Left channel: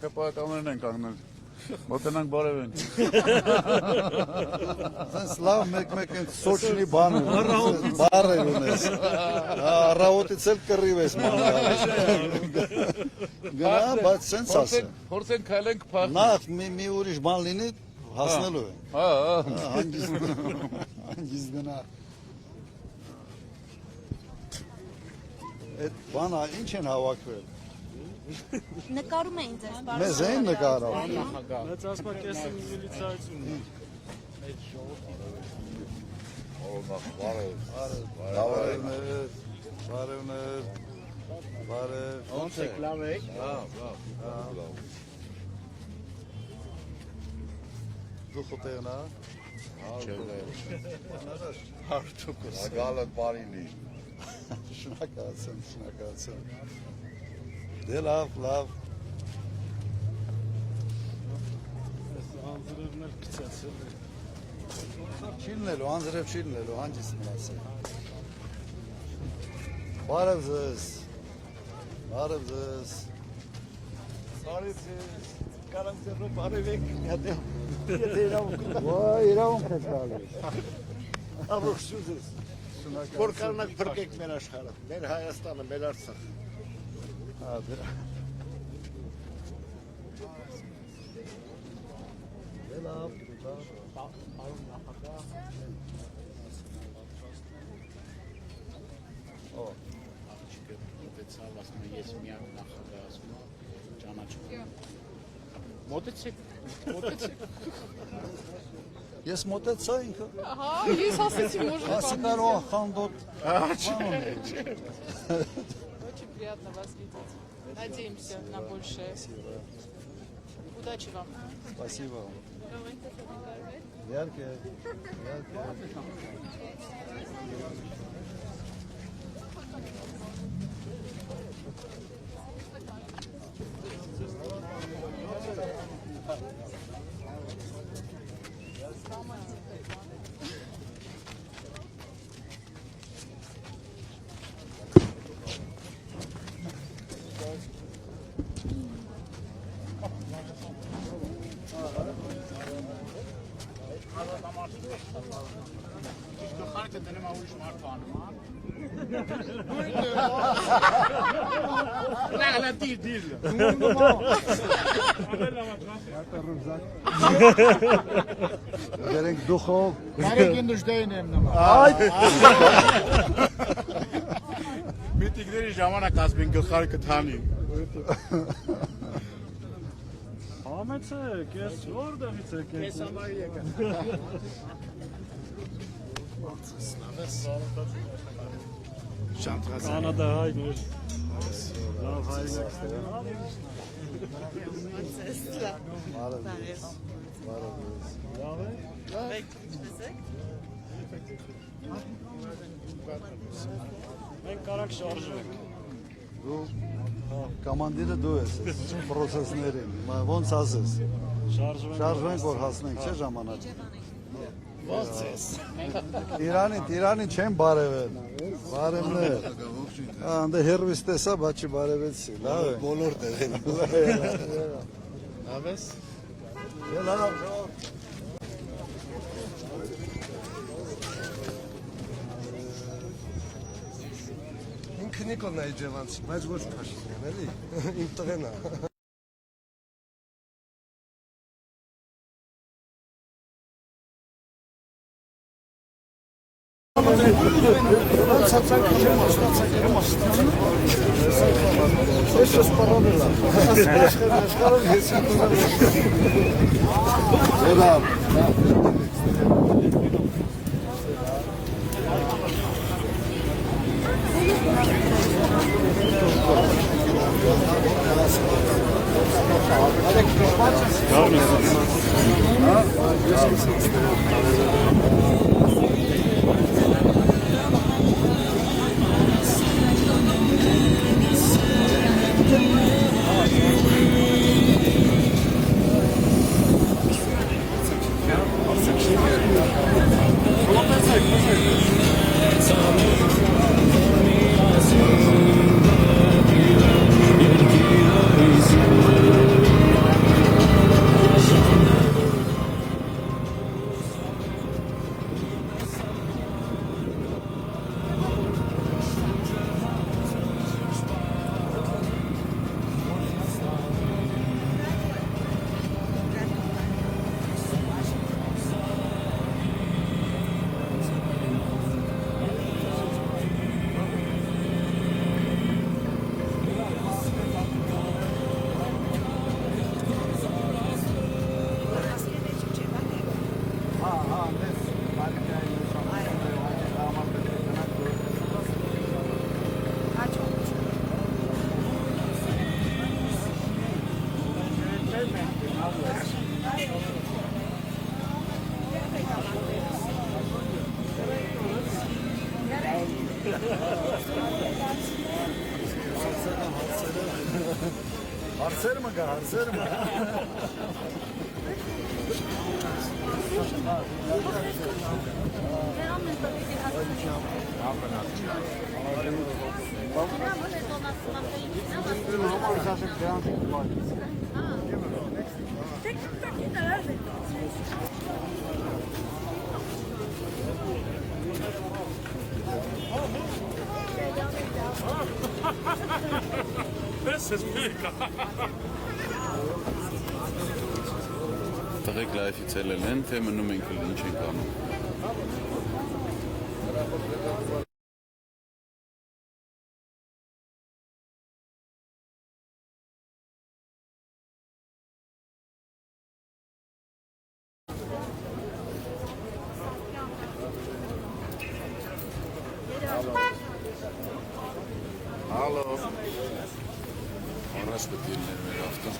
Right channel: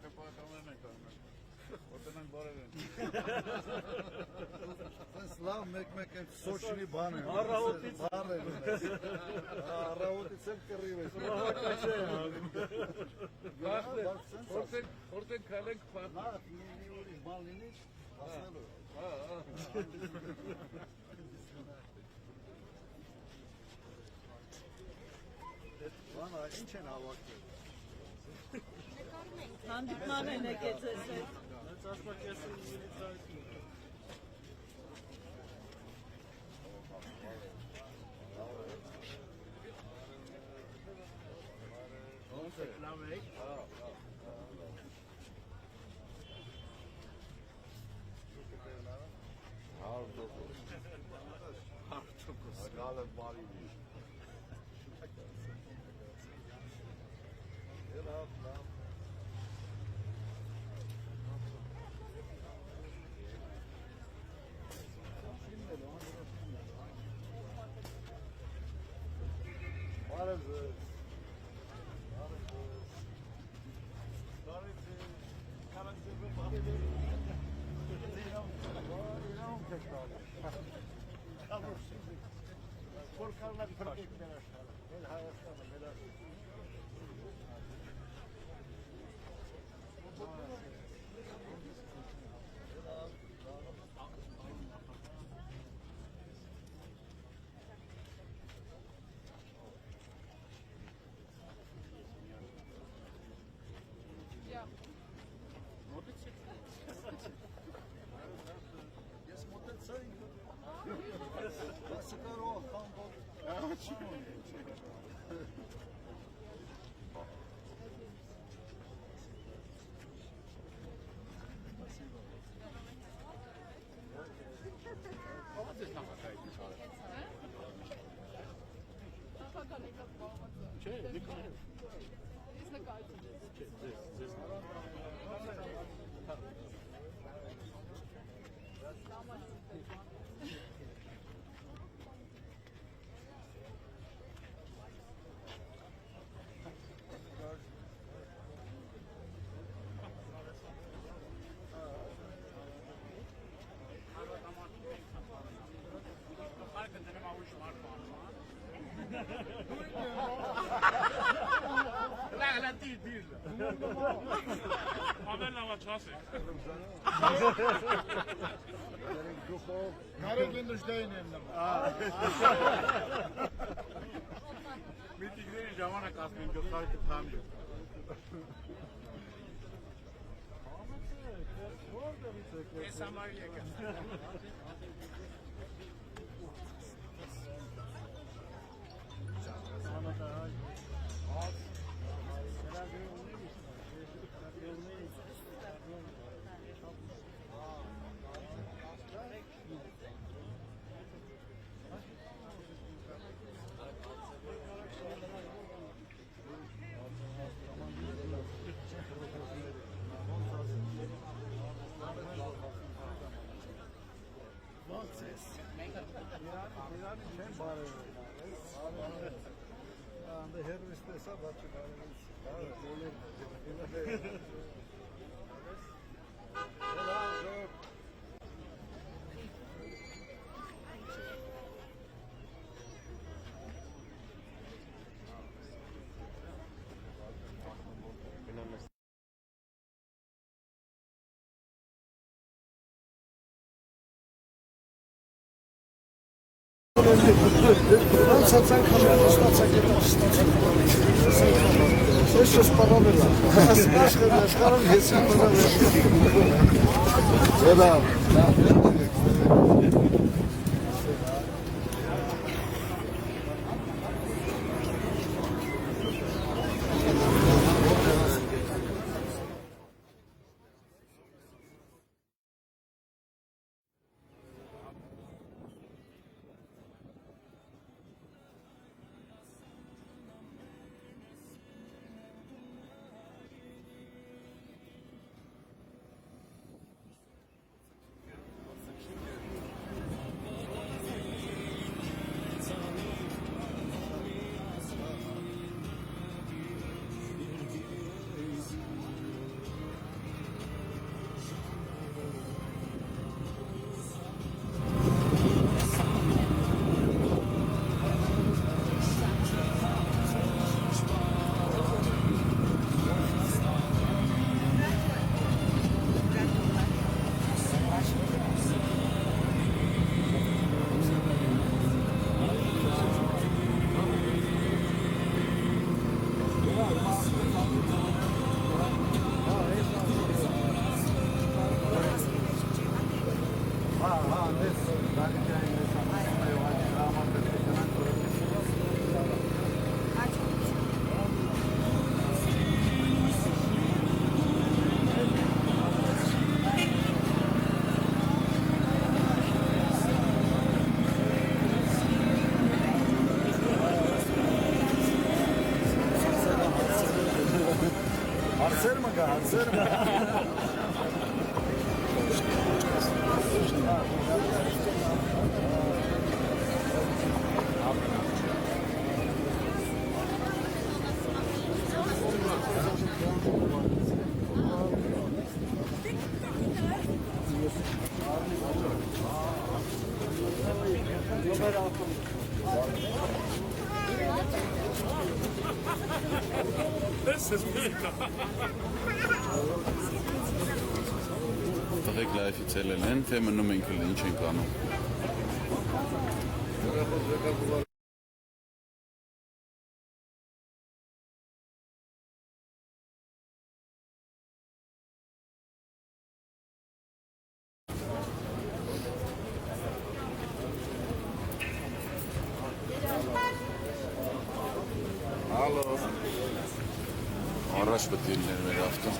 Քեփականներն են կանգնել։ Մոտենանք բարևենք։ Sense լավ մեկ-մեկ են սոչնի բան բարը ունես։ Առավոտից էլ կռիվ ես ման։ Գնա, բայց sense ասա։ Փորձենք քայլենք փախ։ Նախ մի ուրիշ բան լինի հասնելու է։ Հա, հանգիստ գնա։ Այդ բանը ինչ են հավաքվել։ Նկարում էին ձեզ բարդ։ Մեզ են նկարում։ Մեծ ասма կեսը միլիցիայություն։ Բարևներ։ Ոնց եք, լավ եք։ Դու խոտեղնա։ Հարթուկս։ Ագալը բարինի։ Շնորհակալություն։ Դե լավ։ Անձրևներ կցացել։ Չիլնելու, անձրև չիլնելու, հանգիստ մնացել։ Բարև ձեզ։ Բարև ձեզ, կարանք ձեռով բարևեք, եթե իրավունք։ Ոյ, իրավունք եք տալիս։ Աղոքսու ձեզ, որ կարնակ պրկեք մեր աշխարհը, մեր Հայաստանը, մեր Արցախը։ Դե լավ։ Մոտեցեք։ Ես մոտեցա ինքը։ Ага, ես ասեցի, может, Ասի կարող խանդոտ։ Очень приятно вас видеть. Надеемся на большее. Удачи вам. Спасибо. Яркие. لا ديل Գերենք դուխով։ Բարեկին դուժդային եմ նման։ Այդ Միտիկների ժամանակ ասմին գլխարկը թանի։ Համեցեք, ես որտեղից եք եկել։ Ես համարի եկա։ Կանադա հայներ։ Լավ հայներ։ Մենք կարակ շարժվենք։ դու կոմանդիրը դու ես պրոցեսներին։ Ոնց ասես։ Շարժվենք որ հասնենք, չէ՞ ժամանակը։ Ոնց ես։ Իրանին չեն բարևել։ Բարևներ։ Անդե հերվիս տեսա, բայց չբարևեցի։ Լավ է։ Բոլոր տեղին։ Լավ ես։ Լավ։ Ինքը Նիկոլն է Ջևանցի, բայց ոչ փաշինյան, էլի։ Իմ տղեն է։ Ցածանք համը ստացակերում աստծո։ Ես սպառավելա։ Աշխարհում ես սպառավելա։ Լավ։ Հարցեր մը գա, հարցեր մը։ Տղեկ լայֆից ելել են, թե մնում ենք էլ ինչ ենք անում։ Հալո։ Առաջ պետք է լիներ մեր ավտո։